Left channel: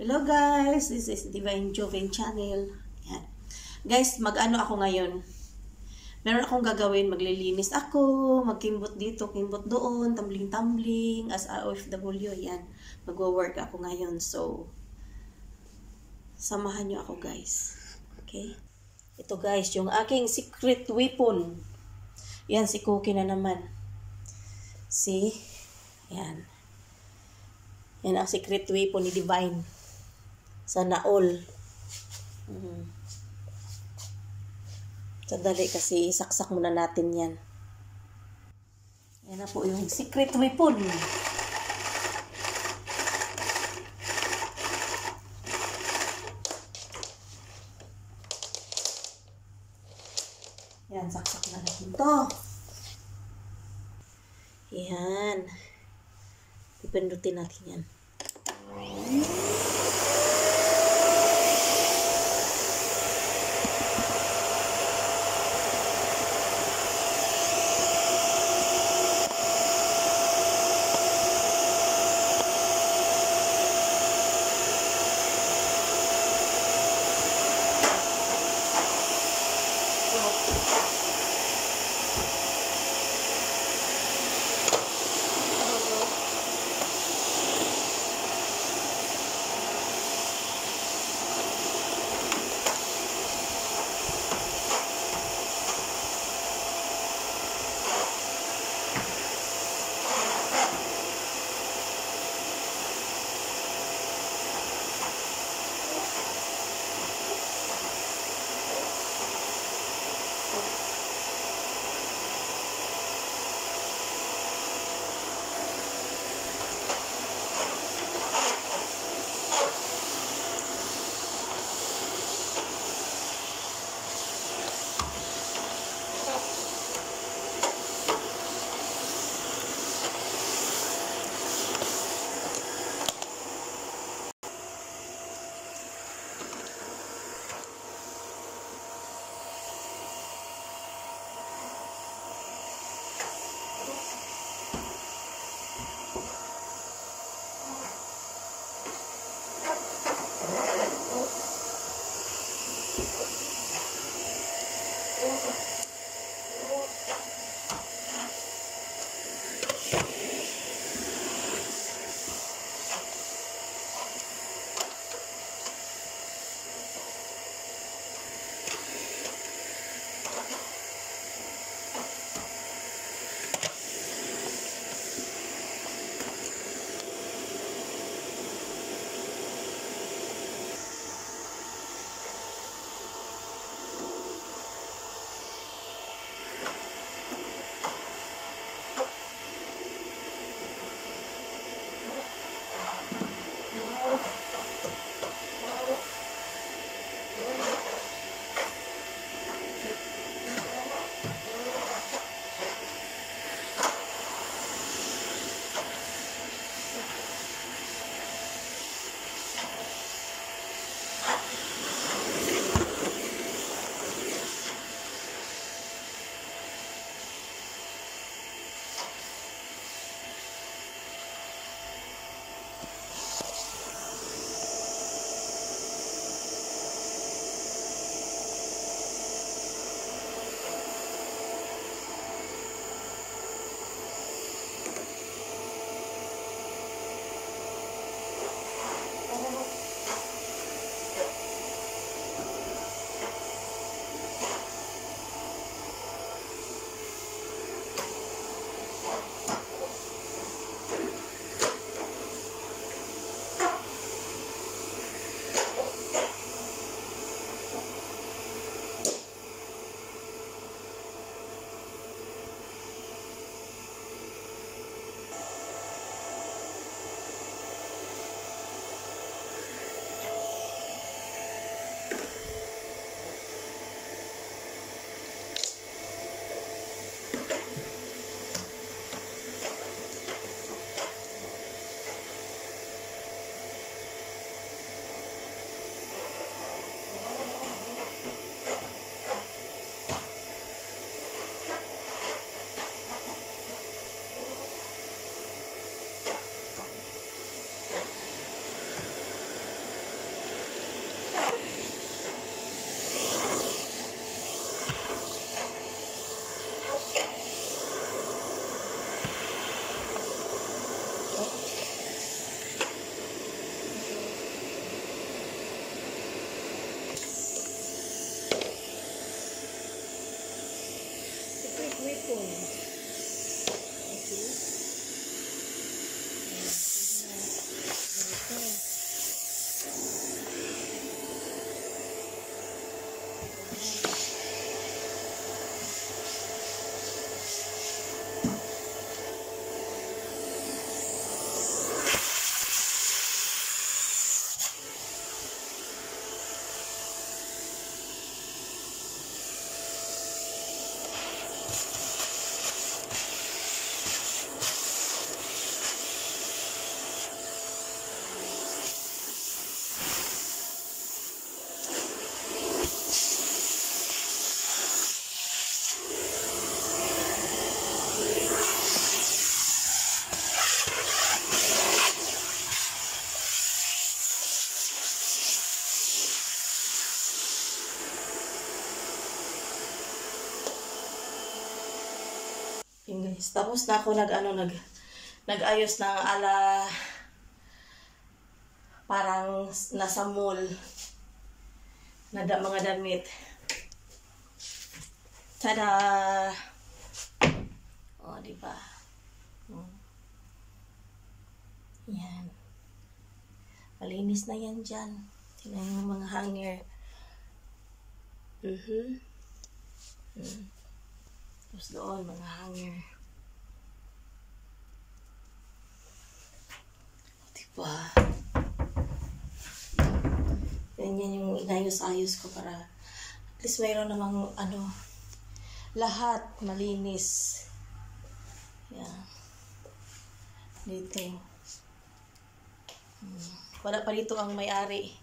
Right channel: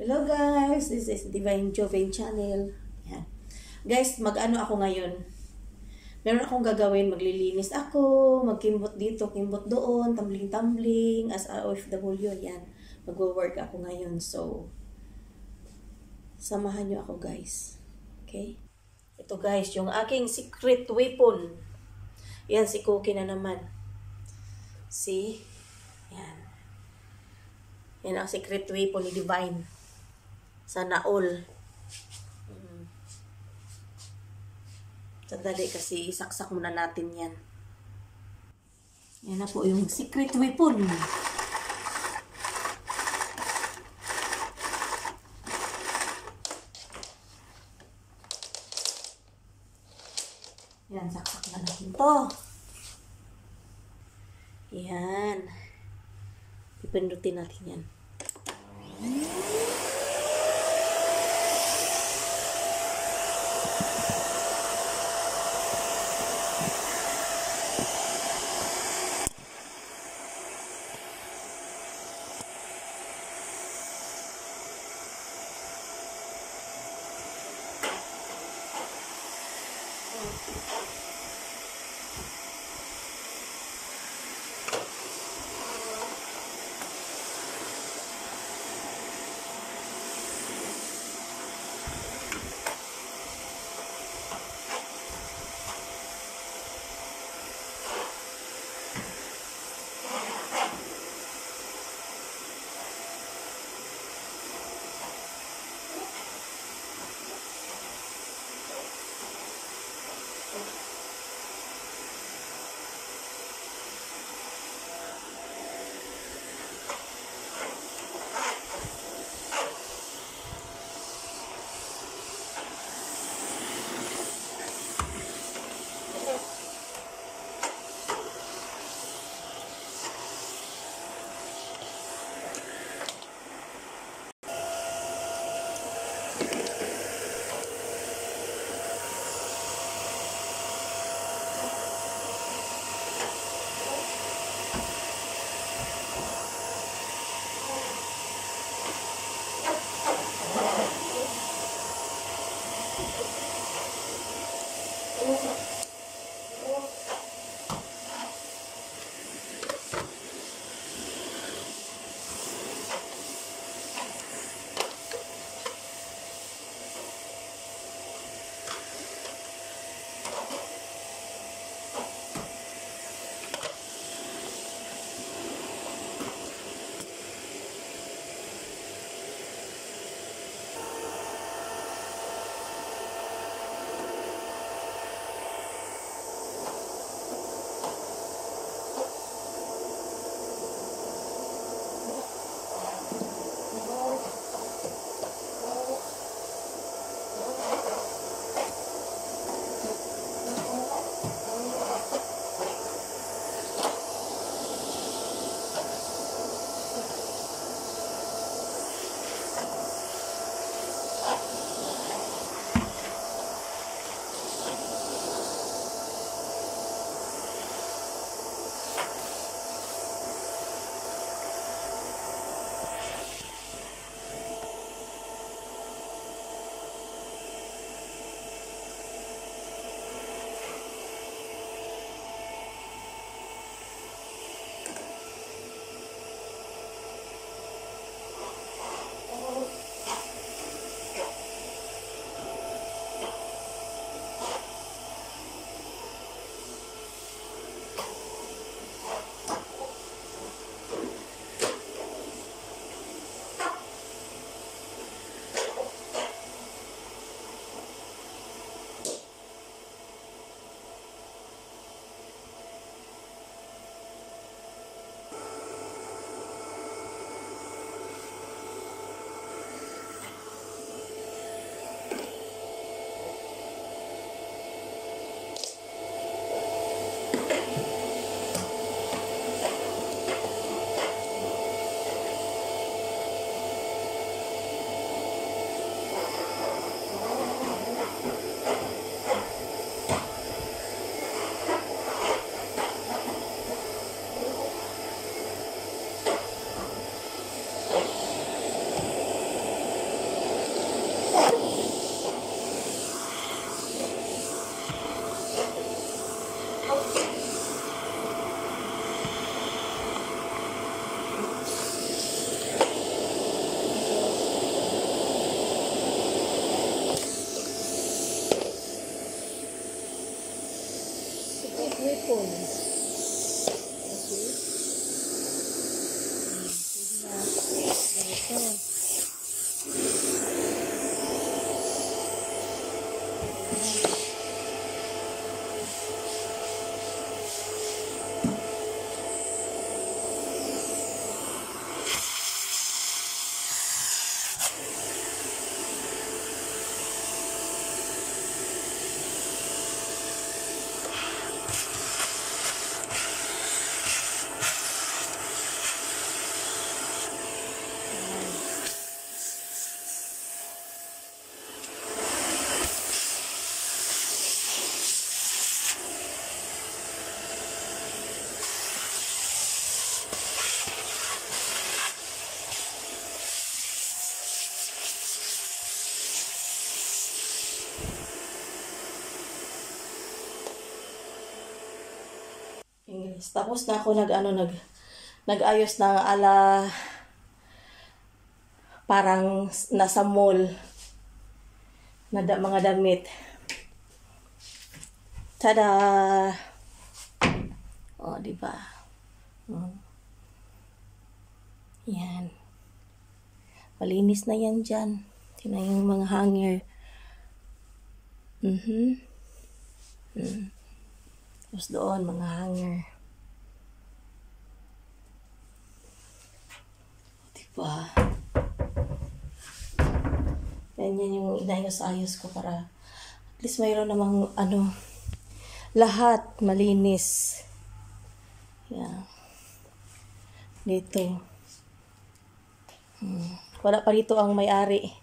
Hello guys, this is Divine Joven Channel. Yan. Guys, mag-ano ako ngayon. Meron akong gagawin, maglilinis ako, magkimbot dito, kimbot doon, tumbling-tumbling, as a OFW, yan. Magwo-work ako ngayon, so, samahan nyo ako guys. Okay? Ito guys, yung aking secret weapon. Yan, si Cookie na naman. See? Yan. Yan ang secret weapon ni Divine. Sana all. Sandali kasi isaksak muna natin yan. Yan na po yung secret weapon. Yan, saksak na natin to. Yan. Pipindutin natin yan. silicone. Okay. Pwede na. Ganito. Guys, tapos na ako nag-ayos ng ala parang nasa mall na mga damit. Tada! Oh, di ba? Yan. Malinis na yan dyan. Tingnan yung mga hanger. Tapos doon, mga hanger. Diba? Yan yung inayos-ayos ko para at least mayroon namang lahat malinis. Yan. Dito. Wala pa dito ang may-ari.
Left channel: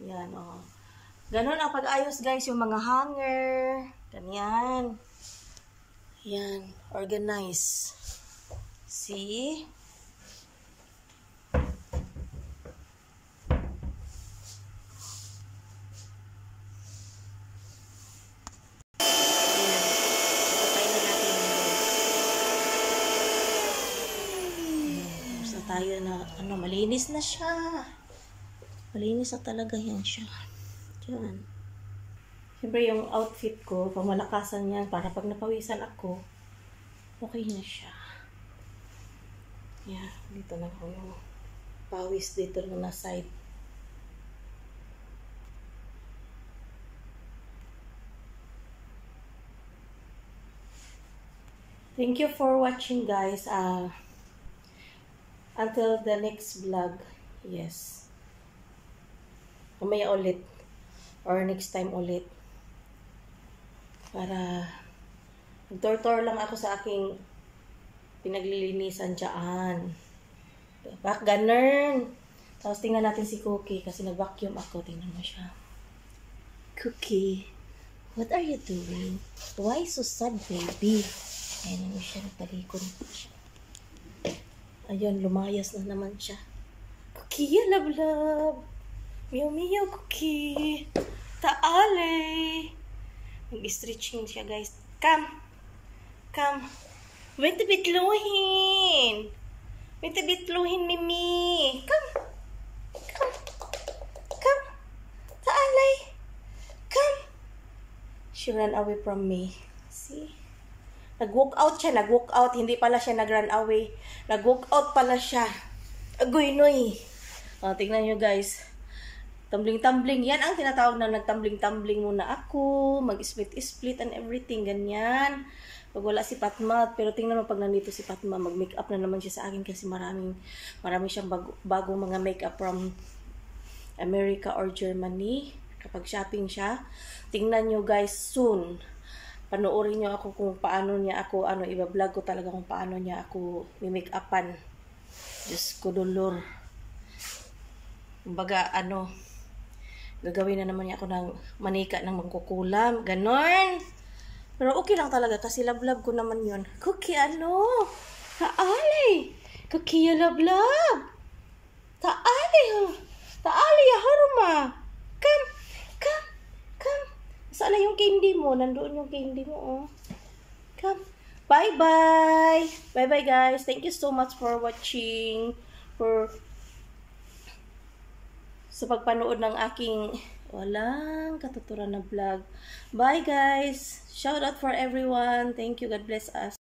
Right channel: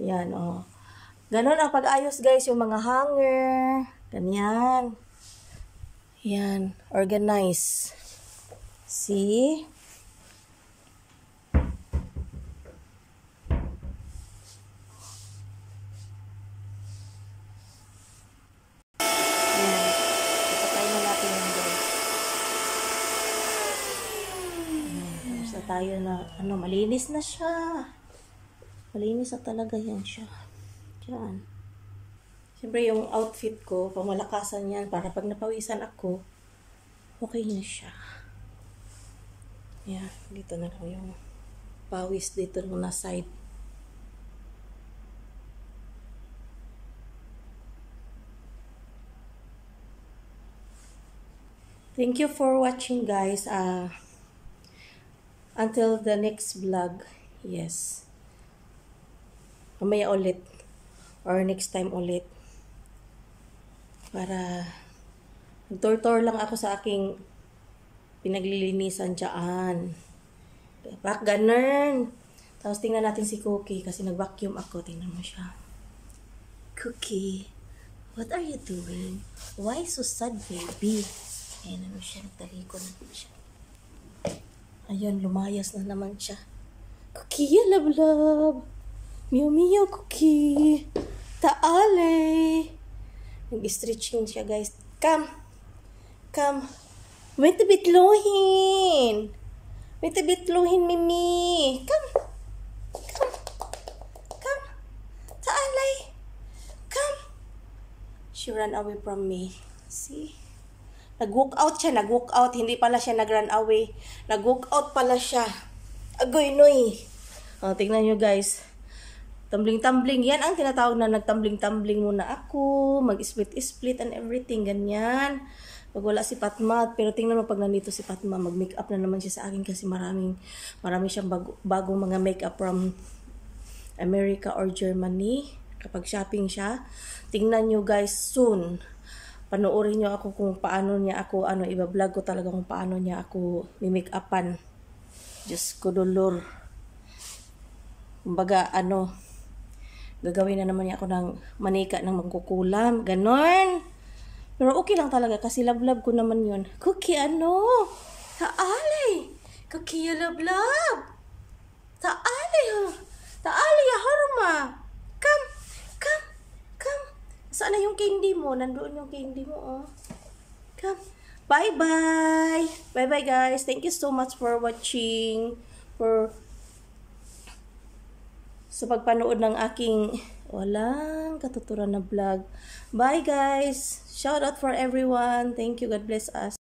Yan, oh. Ganon ang pag-ayos, guys, yung mga hanger. Ganyan. Yan, organize. See? Yan. Ipatay na natin yung guys. Tapos na tayo na, malinis na siya. Malinis na talaga yan siya. Diyan. Siyempre yung outfit ko, pamalakasan yan para pag napawisan ako, okay na siya. Yan, dito na lang yung pawis dito na side. Thank you for watching, guys. Until the next vlog. Yes. Mamaya ulit. Or next time ulit. Para nag-tour lang ako sa aking pinaglilinisan dyan. Bak, ganun. Tapos tingnan natin si Cookie kasi nag-vacuum ako. Tingnan mo siya. Cookie, what are you doing? Why so sad, baby? Ayan naman siya. Nagtalikon siya. Ayun, lumayas na naman siya. Cookie, love. Meow, Cookie. Taale. Mag-stretching siya, guys. Come. Wait a bit luhin. Mimi. Come. Taalay. Come. She ran away from me. See? Nag-walk out siya. Hindi pala siya nag-run away. Nag-walk out pala siya. Agoy, noy. O, tingnan nyo, guys. Tumbling-tumbling. Yan ang tinatawag na nagtumbling-tumbling muna ako. Mag-split and everything. Ganyan. Pag wala si Fatma. Pero tingnan mo pag nandito si Fatma. Mag-makeup na naman siya sa akin kasi marami siyang bagong mga makeup from America or Germany. Kapag shopping siya. Tingnan nyo, guys, soon. Panoorin nyo ako kung paano niya ako, iba-vlog ko talaga kung paano niya ako mi-make-upan. Diyos ko, dolor. Kumbaga, gagawin na naman niya ako ng manika ng magkukulam. Ganon. Pero okay lang talaga kasi love ko naman yun. Cookie, Taali. Cookie, love. Taali, ya harma. Come. Saan na yung candy mo? Nandoon yung candy mo, oh. Come. Bye-bye. Bye-bye, guys. Thank you so much for watching. Sa pagpanood ng aking Walang katuturan na vlog. Bye guys! Shout out for everyone. Thank you. God bless us.